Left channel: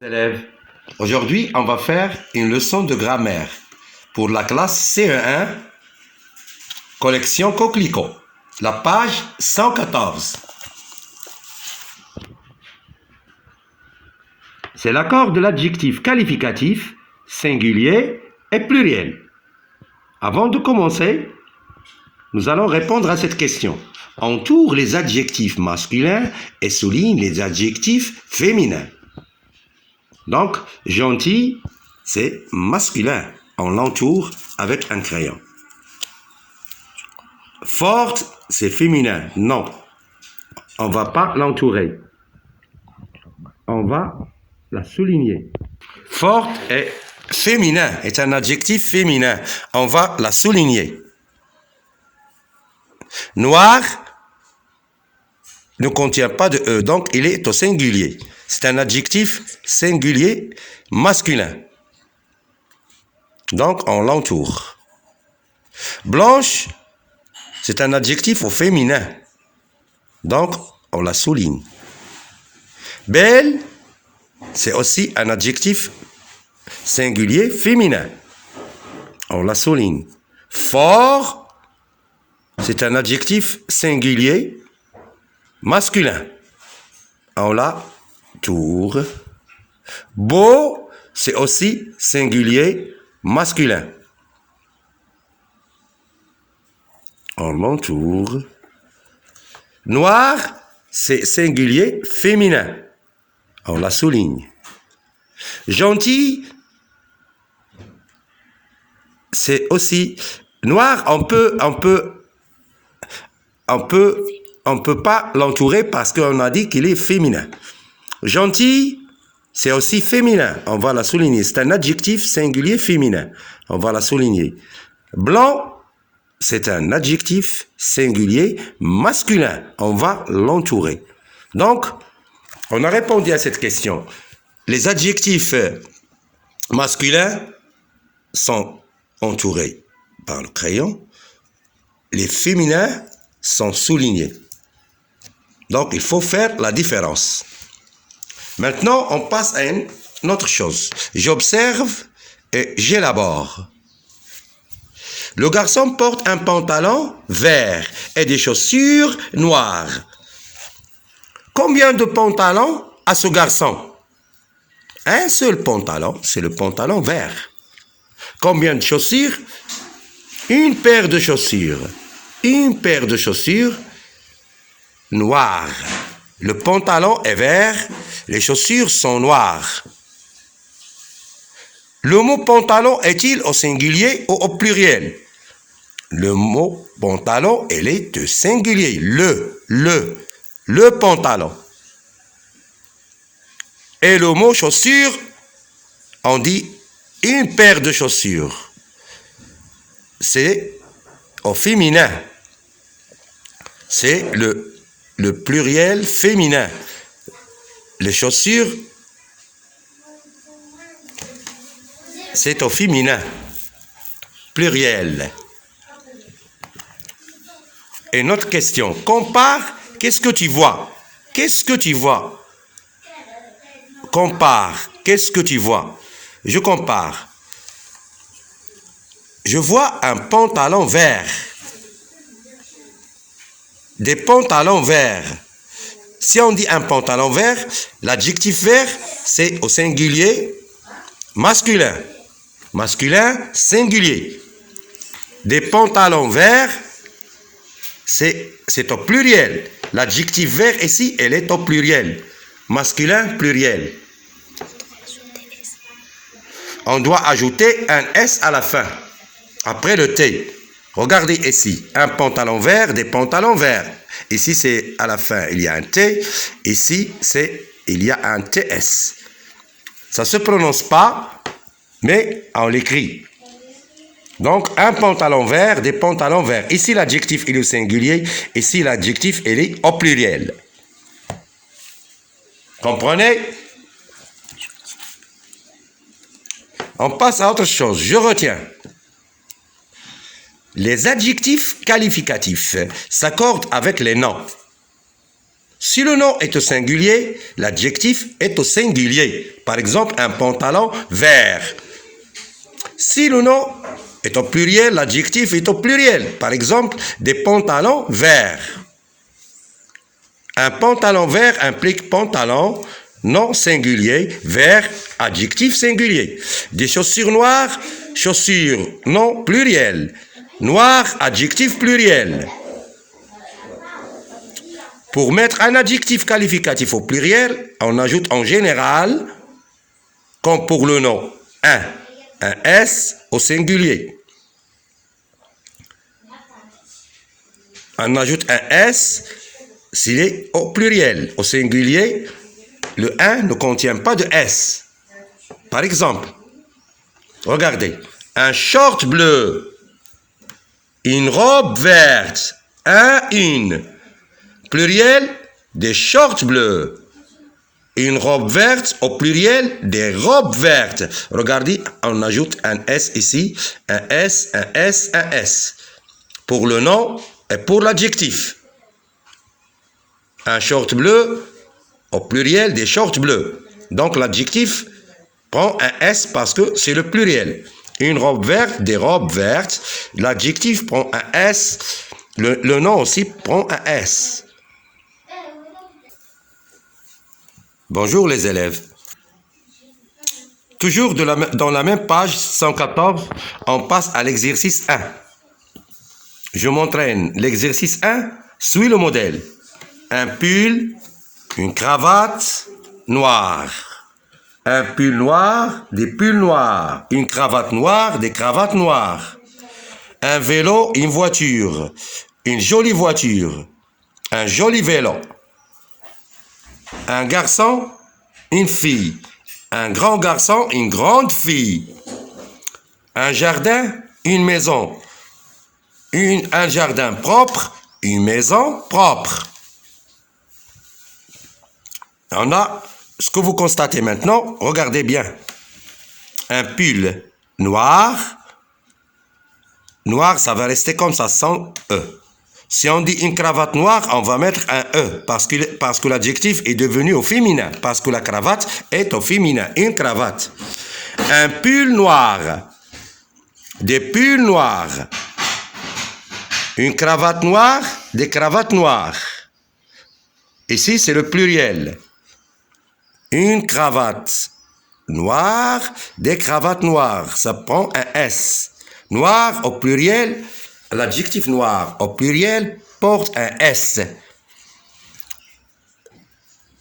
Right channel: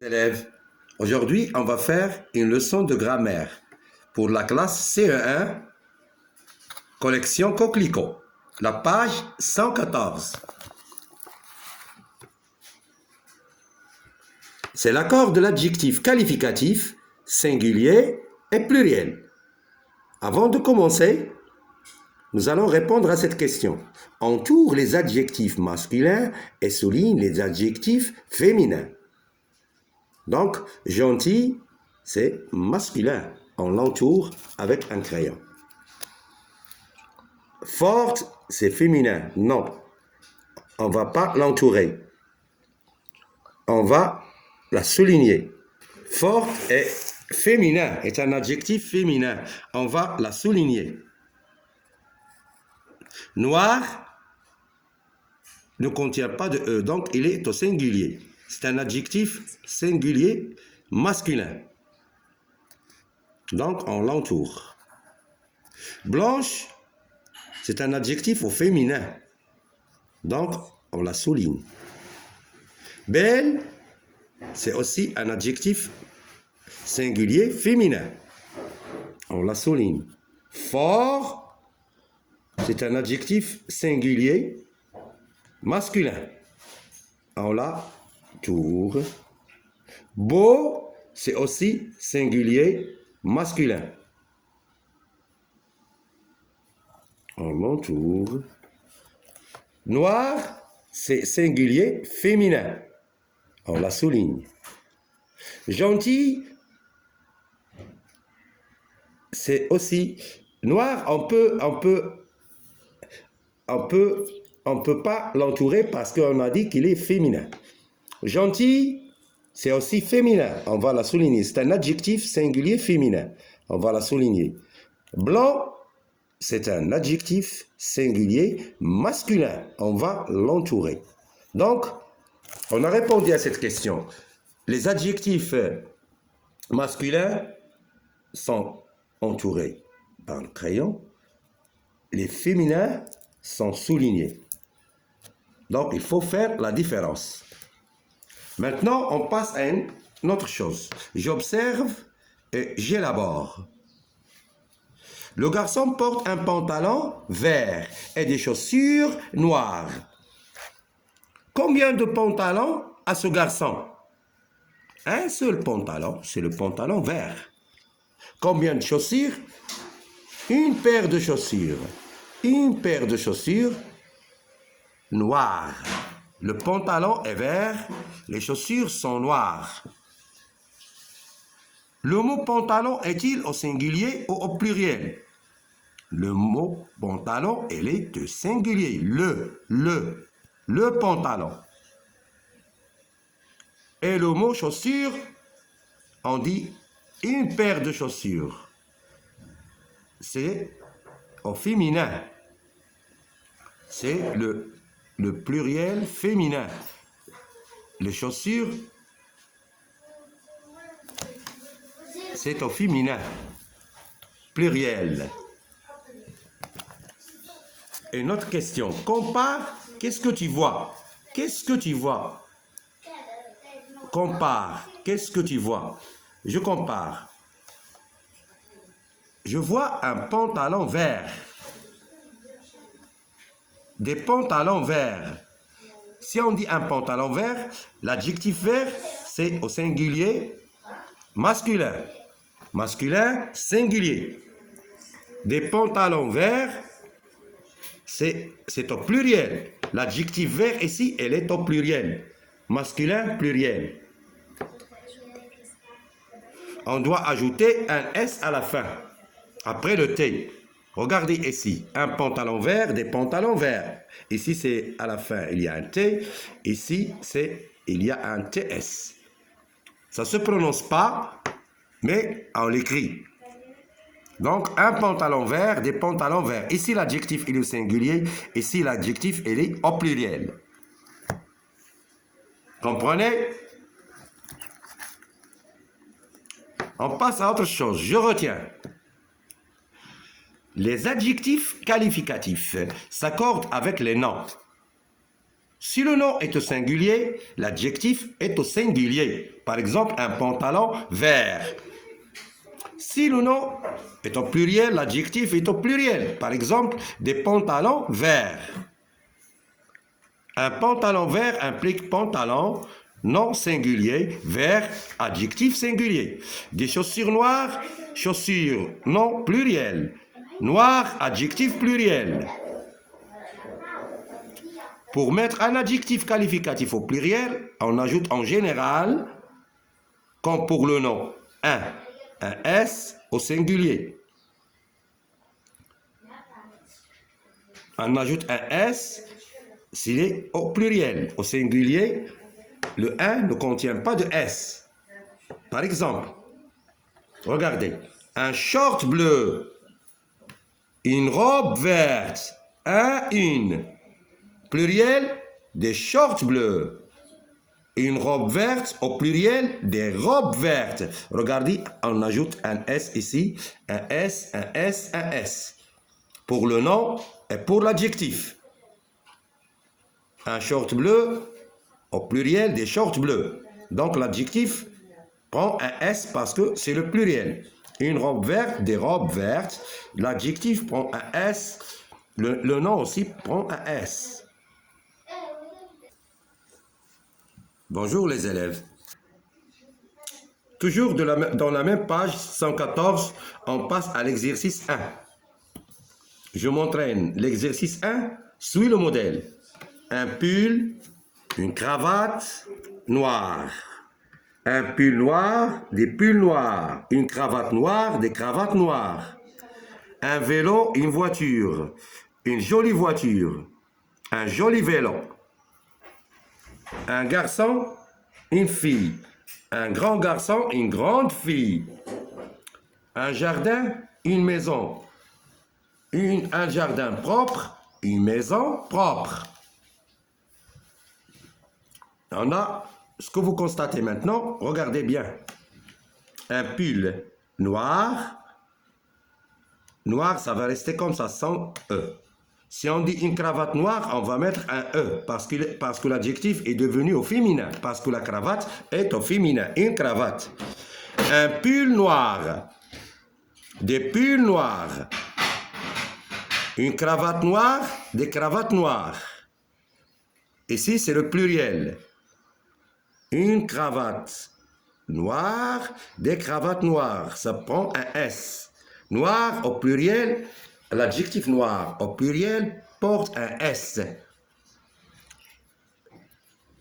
Élèves, aujourd'hui on va faire une leçon de grammaire pour la classe CE1, collection Coquelicot, la page 114. C'est l'accord de l'adjectif qualificatif, singulier et pluriel. Avant de commencer, nous allons répondre à cette question. Entoure les adjectifs masculins et souligne les adjectifs féminins. Donc, gentil, c'est masculin. On l'entoure avec un crayon. Forte, c'est féminin. Non, on ne va pas l'entourer. On va la souligner. Forte est féminin, est un adjectif féminin. On va la souligner. Noir ne contient pas de E, donc il est au singulier. C'est un adjectif singulier masculin. Donc, on l'entoure. Blanche, c'est un adjectif au féminin. Donc, on la souligne. Belle, c'est aussi un adjectif singulier féminin. On la souligne. Fort, c'est un adjectif singulier masculin. On la tour. Beau, c'est aussi singulier masculin. On l'entoure. Noir, c'est singulier féminin. On la souligne. Gentil, c'est aussi noir. On peut pas l'entourer parce qu'on a dit qu'il est féminin. Gentil, c'est aussi féminin. On va la souligner. C'est un adjectif singulier féminin. On va la souligner. Blanc, c'est un adjectif singulier masculin. On va l'entourer. Donc, on a répondu à cette question. Les adjectifs masculins sont entourés par le crayon. Les féminins sont soulignés. Donc, il faut faire la différence. Maintenant, on passe à une autre chose. J'observe et j'élabore. Le garçon porte un pantalon vert et des chaussures noires. Combien de pantalons a ce garçon? Un seul pantalon, c'est le pantalon vert. Combien de chaussures? Une paire de chaussures. Une paire de chaussures noires. Le pantalon est vert, les chaussures sont noires. Le mot pantalon est-il au singulier ou au pluriel? Le mot pantalon, il est au singulier. Le pantalon. Et le mot chaussure, on dit une paire de chaussures. C'est au féminin. C'est le pluriel féminin. Les chaussures, c'est au féminin. Pluriel. Et une autre question. Compare, qu'est-ce que tu vois? Qu'est-ce que tu vois? Compare, qu'est-ce que tu vois? Je compare. Je vois un pantalon vert. Des pantalons verts. Si on dit un pantalon vert, l'adjectif vert, c'est au singulier masculin. Masculin, singulier. Des pantalons verts, c'est au pluriel. L'adjectif vert ici, elle est au pluriel. Masculin, pluriel. On doit ajouter un S à la fin, après le T. Regardez ici, un pantalon vert, des pantalons verts. Ici, c'est à la fin, il y a un T. Ici, il y a un TS. Ça ne se prononce pas, mais on l'écrit. Donc, un pantalon vert, des pantalons verts. Ici, l'adjectif, il est au singulier. Ici, l'adjectif, il est au pluriel. Comprenez? On passe à autre chose. Je retiens. Les adjectifs qualificatifs s'accordent avec les noms. Si le nom est au singulier, l'adjectif est au singulier. Par exemple, un pantalon vert. Si le nom est au pluriel, l'adjectif est au pluriel. Par exemple, des pantalons verts. Un pantalon vert implique pantalon, nom singulier, vert, adjectif singulier. Des chaussures noires, chaussures, nom pluriel. Noir, adjectif pluriel. Pour mettre un adjectif qualificatif au pluriel, on ajoute en général, comme pour le nom, un S au singulier. On ajoute un S s'il est au pluriel. Au singulier, le 1 ne contient pas de S. Par exemple, regardez, un short bleu, une robe verte, une. Pluriel, des shorts bleus. Une robe verte, au pluriel, des robes vertes. Regardez, on ajoute un S ici, un S, un S, un S. Pour le nom et pour l'adjectif. Un short bleu, au pluriel, des shorts bleus. Donc l'adjectif prend un S parce que c'est le pluriel. Une robe verte, des robes vertes. L'adjectif prend un S. Le nom aussi prend un S. Bonjour les élèves. Toujours dans la même page 114, on passe à l'exercice 1. Je m'entraîne. L'exercice 1 suit le modèle. Un pull, une cravate noire. Un pull noir, des pulls noirs. Une cravate noire, des cravates noires. Un vélo, une voiture. Une jolie voiture. Un joli vélo. Un garçon, une fille. Un grand garçon, une grande fille. Un jardin, une maison. Un jardin propre, une maison propre. On a ce que vous constatez maintenant. Regardez bien. Un pull noir. Noir, ça va rester comme ça, sans E. Si on dit une cravate noire, on va mettre un E parce que l'adjectif est devenu au féminin, parce que la cravate est au féminin, une cravate. Un pull noir, des pulls noirs, une cravate noire, des cravates noires. Ici, c'est le pluriel. Une cravate noire, des cravates noires. Ça prend un S. Noir au pluriel. L'adjectif noir au pluriel porte un S.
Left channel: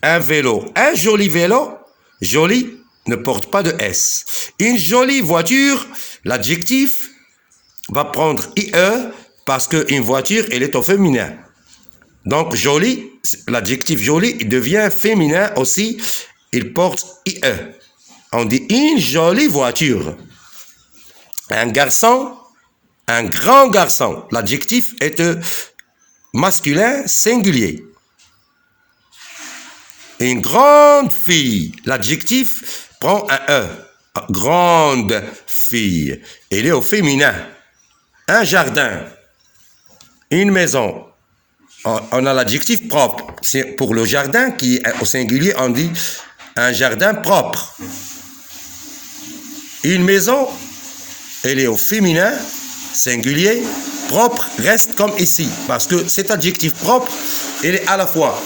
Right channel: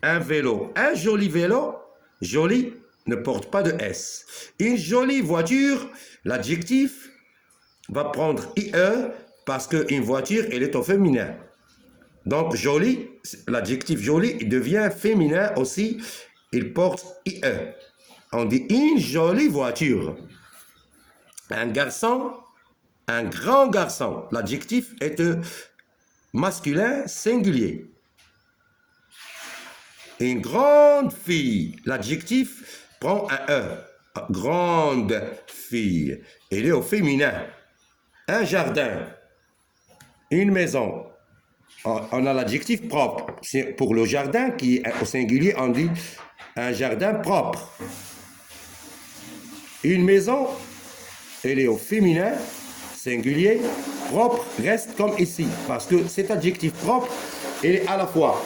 Un vélo, un joli vélo, joli ne porte pas de S. Une jolie voiture, l'adjectif va prendre IE parce qu'une voiture, elle est au féminin. Donc joli, l'adjectif joli devient féminin aussi, il porte IE. On dit une jolie voiture. Un garçon, un grand garçon. L'adjectif est masculin singulier. Une grande fille. L'adjectif prend un E. Grande fille. Elle est au féminin. Un jardin. Une maison. On a l'adjectif propre. C'est pour le jardin qui est au singulier, on dit un jardin propre. Une maison, elle est au féminin. Singulier, propre, reste comme ici. Parce que cet adjectif propre, il est à la fois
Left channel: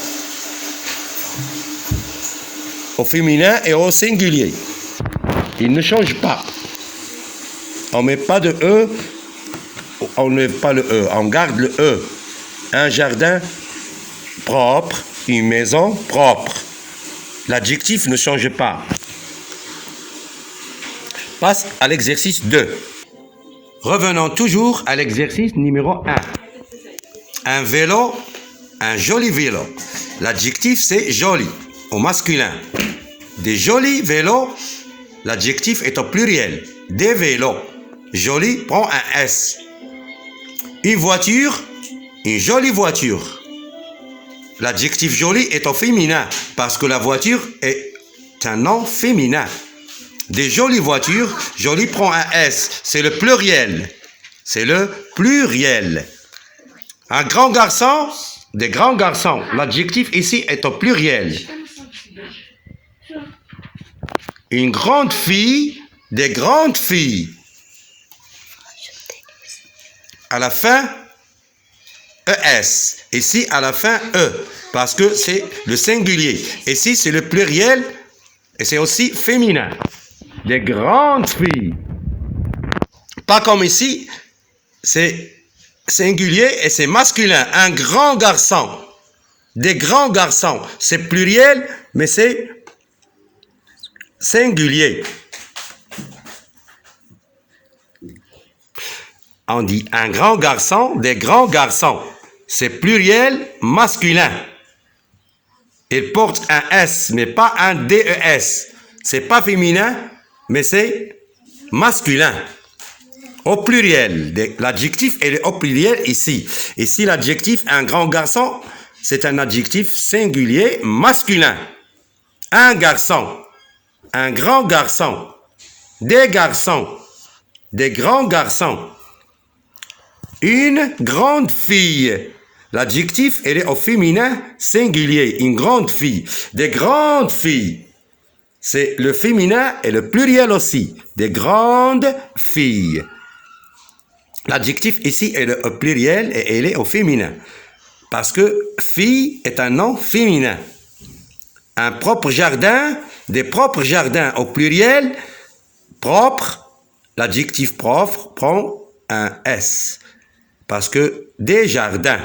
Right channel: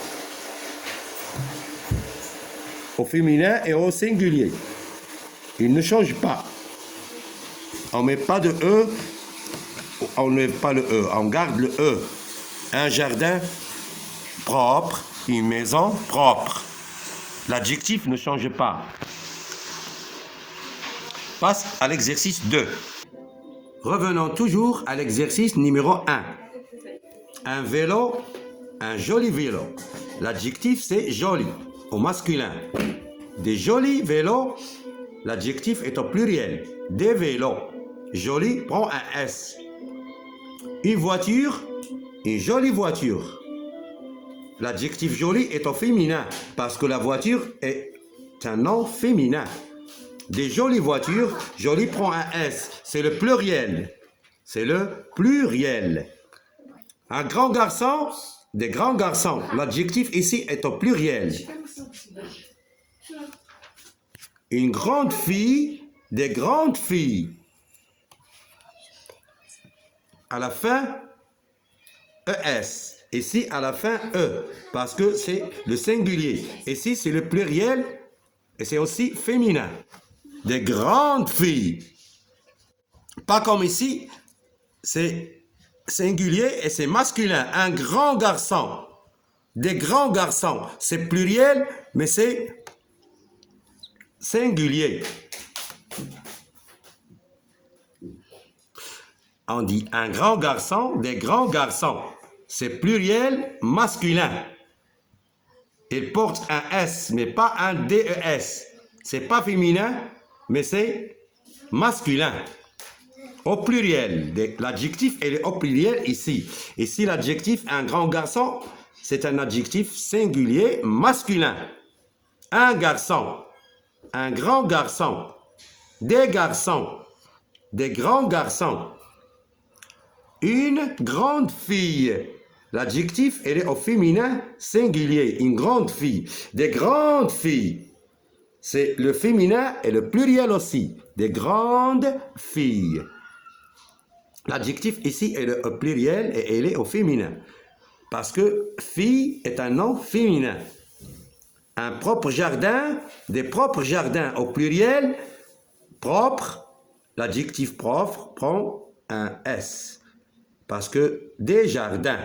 au féminin et au singulier. Il ne change pas. On ne met pas de E, on ne met pas le E, on garde le E. Un jardin propre, une maison propre. L'adjectif ne change pas. Passe à l'exercice 2. Revenons toujours à l'exercice numéro 1. Un vélo, un joli vélo. L'adjectif, c'est joli, au masculin. Des jolis vélos, l'adjectif est au pluriel. Des vélos. Joli prend un S. Une voiture, une jolie voiture. L'adjectif joli est au féminin parce que la voiture est un nom féminin. Des jolies voitures, joli prend un S, c'est le pluriel. C'est le pluriel. Un grand garçon, des grands garçons. L'adjectif ici est au pluriel. Une grande fille, des grandes filles. À la fin, ES. Ici, à la fin, E. Parce que c'est le singulier. Ici, c'est le pluriel et c'est aussi féminin. Des grandes filles. Pas comme ici, c'est singulier et c'est masculin. Un grand garçon. Des grands garçons. C'est pluriel, mais c'est singulier. On dit un grand garçon, des grands garçons. C'est pluriel masculin. Il porte un S, mais pas un DES. C'est pas féminin, mais c'est masculin. Au pluriel. L'adjectif est au pluriel ici. Ici, l'adjectif un grand garçon, c'est un adjectif singulier masculin. Un garçon. Un grand garçon. Des garçons. Des grands garçons. Une grande fille. L'adjectif, elle est au féminin singulier. Une grande fille. Des grandes filles. C'est le féminin et le pluriel aussi. Des grandes filles. L'adjectif ici est au pluriel et elle est au féminin. Parce que fille est un nom féminin. Un propre jardin, des propres jardins au pluriel, propre, l'adjectif propre prend un S. Parce que des jardins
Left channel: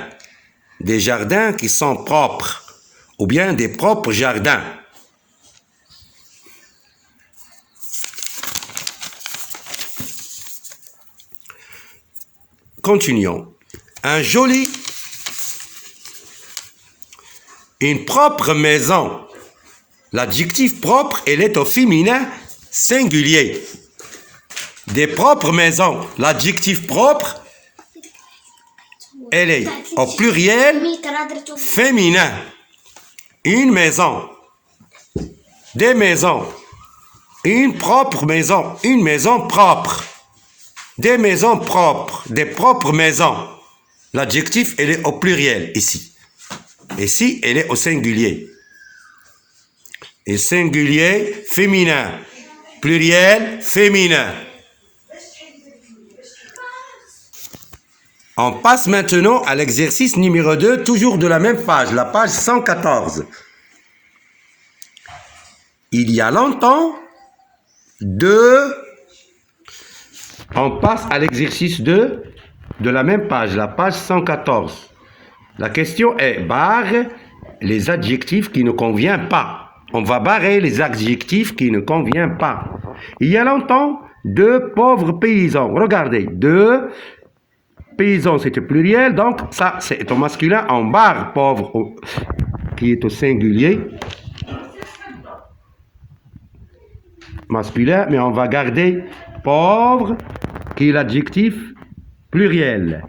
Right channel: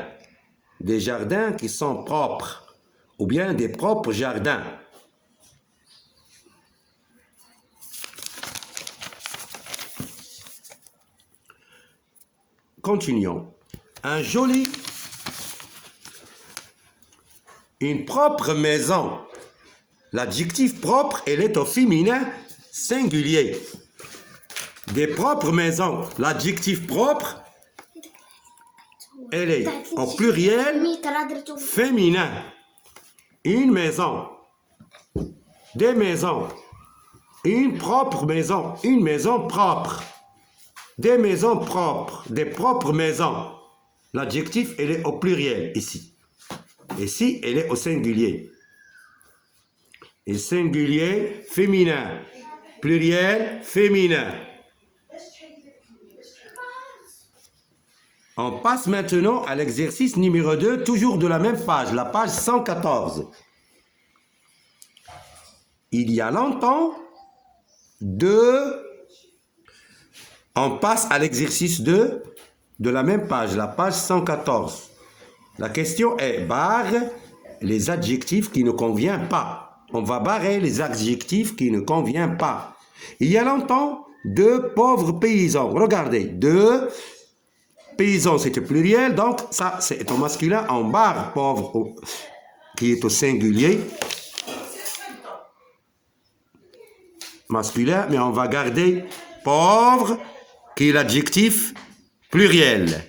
qui sont propres, ou bien des propres jardins. Continuons. Une propre maison. L'adjectif propre, elle est au féminin singulier. Des propres maisons. L'adjectif propre, elle est au pluriel féminin. Une maison. Des maisons. Une propre maison. Une maison propre. Des maisons propres. Des propres maisons. L'adjectif, elle est au pluriel ici. Ici, elle est au singulier. Et singulier féminin. Pluriel féminin. On passe maintenant à l'exercice numéro 2, toujours de la même page, la page 114. Il y a longtemps, on passe à l'exercice 2 de la même page, la page 114. La question est, barre les adjectifs qui ne conviennent pas. On va barrer les adjectifs qui ne conviennent pas. Il y a longtemps, 2 pauvres paysans. Regardez, 2 paysans, c'est au pluriel, donc ça, c'est au masculin. On barre pauvre, qui est au singulier. Masculin, mais on va garder pauvre, qui est l'adjectif pluriel.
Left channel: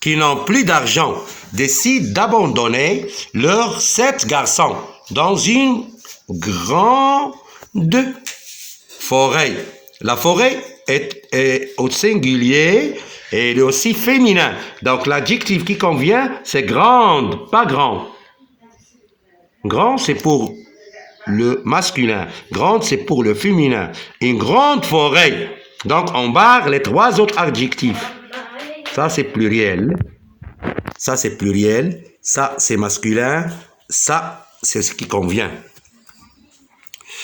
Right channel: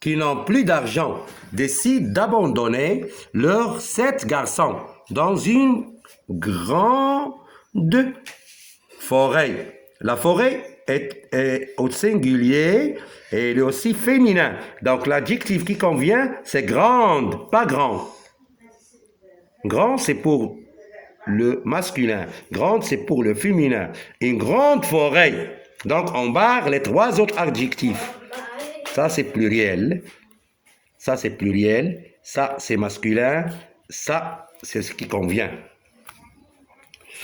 Qui n'ont plus d'argent, décident d'abandonner leurs 7 garçons dans une grande forêt. La forêt est au singulier et elle est aussi féminin. Donc l'adjectif qui convient, c'est grande, pas grand. Grand, c'est pour le masculin. Grande, c'est pour le féminin. Une grande forêt. Donc on barre les 3 autres adjectifs. Ça, c'est pluriel. Ça, c'est pluriel. Ça, c'est masculin. Ça, c'est ce qui convient.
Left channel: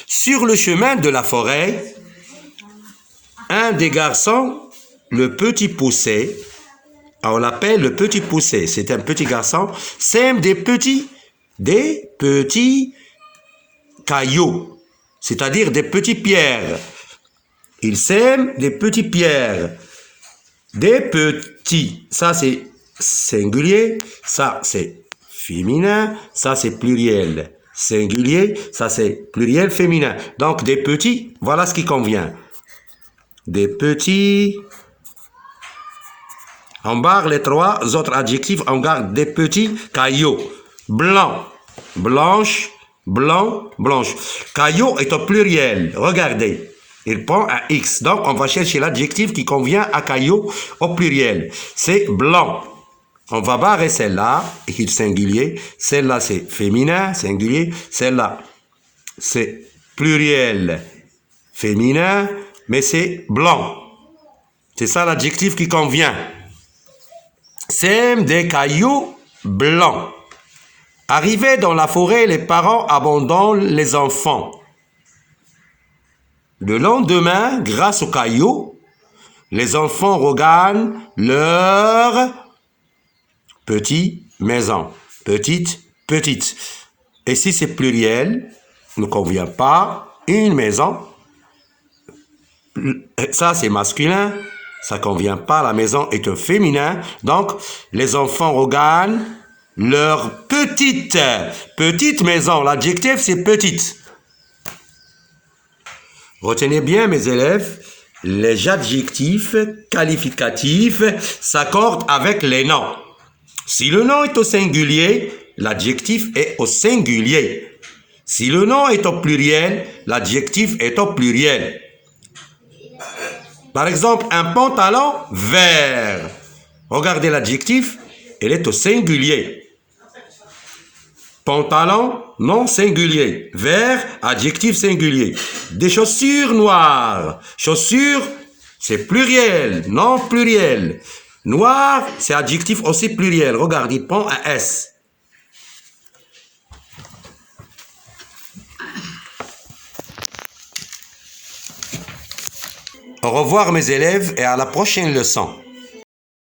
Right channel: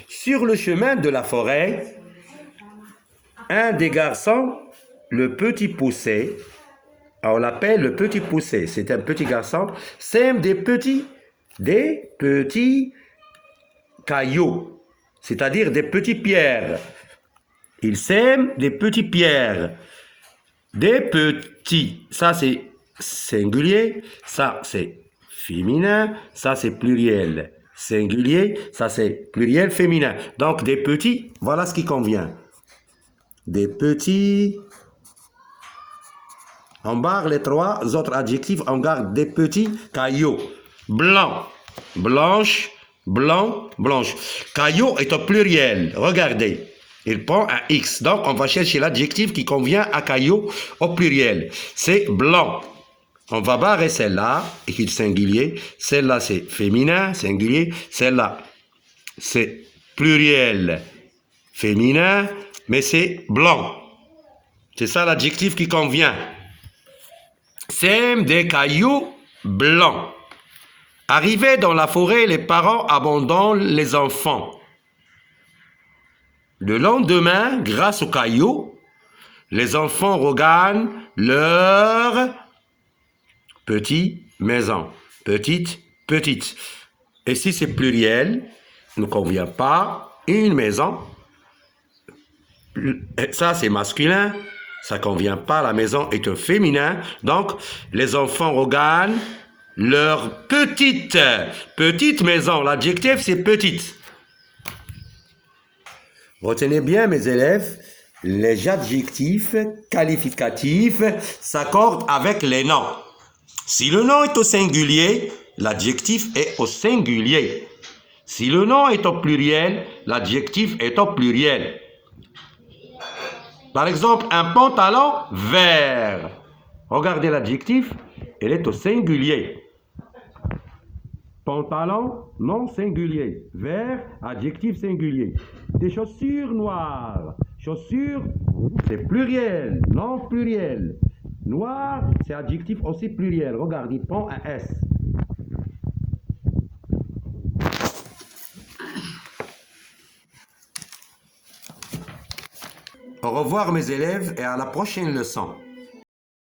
Sur le chemin de la forêt, un des garçons, le petit poussé, on l'appelle le petit poussé, c'est un petit garçon, sème des petits cailloux, c'est-à-dire des petites pierres. Il sème des petites pierres. Des petits, ça c'est singulier, ça c'est féminin, ça c'est pluriel singulier, ça c'est pluriel féminin. Donc des petits, voilà ce qui convient. Des petits, on barre les 3 autres adjectifs, on garde des petits cailloux. Blanc, blanche, blanc, blanche. Caillou est au pluriel, regardez. Il prend un X. Donc, on va chercher l'adjectif qui convient à caillou au pluriel. C'est blanc. On va barrer celle-là, équipe singulier. Celle-là, c'est féminin, singulier. Celle-là, c'est pluriel, féminin, mais c'est blanc. C'est ça l'adjectif qui convient. Sème des cailloux blancs. Arrivés dans la forêt, les parents abandonnent les enfants. Le lendemain, grâce aux cailloux, les enfants regagnent leur petite maison. Petite, petite. Et si c'est pluriel, ne convient pas, une maison, ça c'est masculin, ça ne convient pas, la maison est un féminin, donc les enfants regagnent leur petite maison. L'adjectif c'est petite. Retenez bien mes élèves, les adjectifs qualificatifs s'accordent avec les noms. Si le nom est au singulier, l'adjectif est au singulier. Si le nom est au pluriel, l'adjectif est au pluriel. Par exemple, un pantalon vert. Regardez l'adjectif, il est au singulier. Pantalon, nom singulier. Vert, adjectif singulier. Des chaussures noires. Chaussures, c'est pluriel, non pluriel. Noir, c'est adjectif aussi pluriel. Regardez, il prend un S. Au revoir mes élèves et à la prochaine leçon.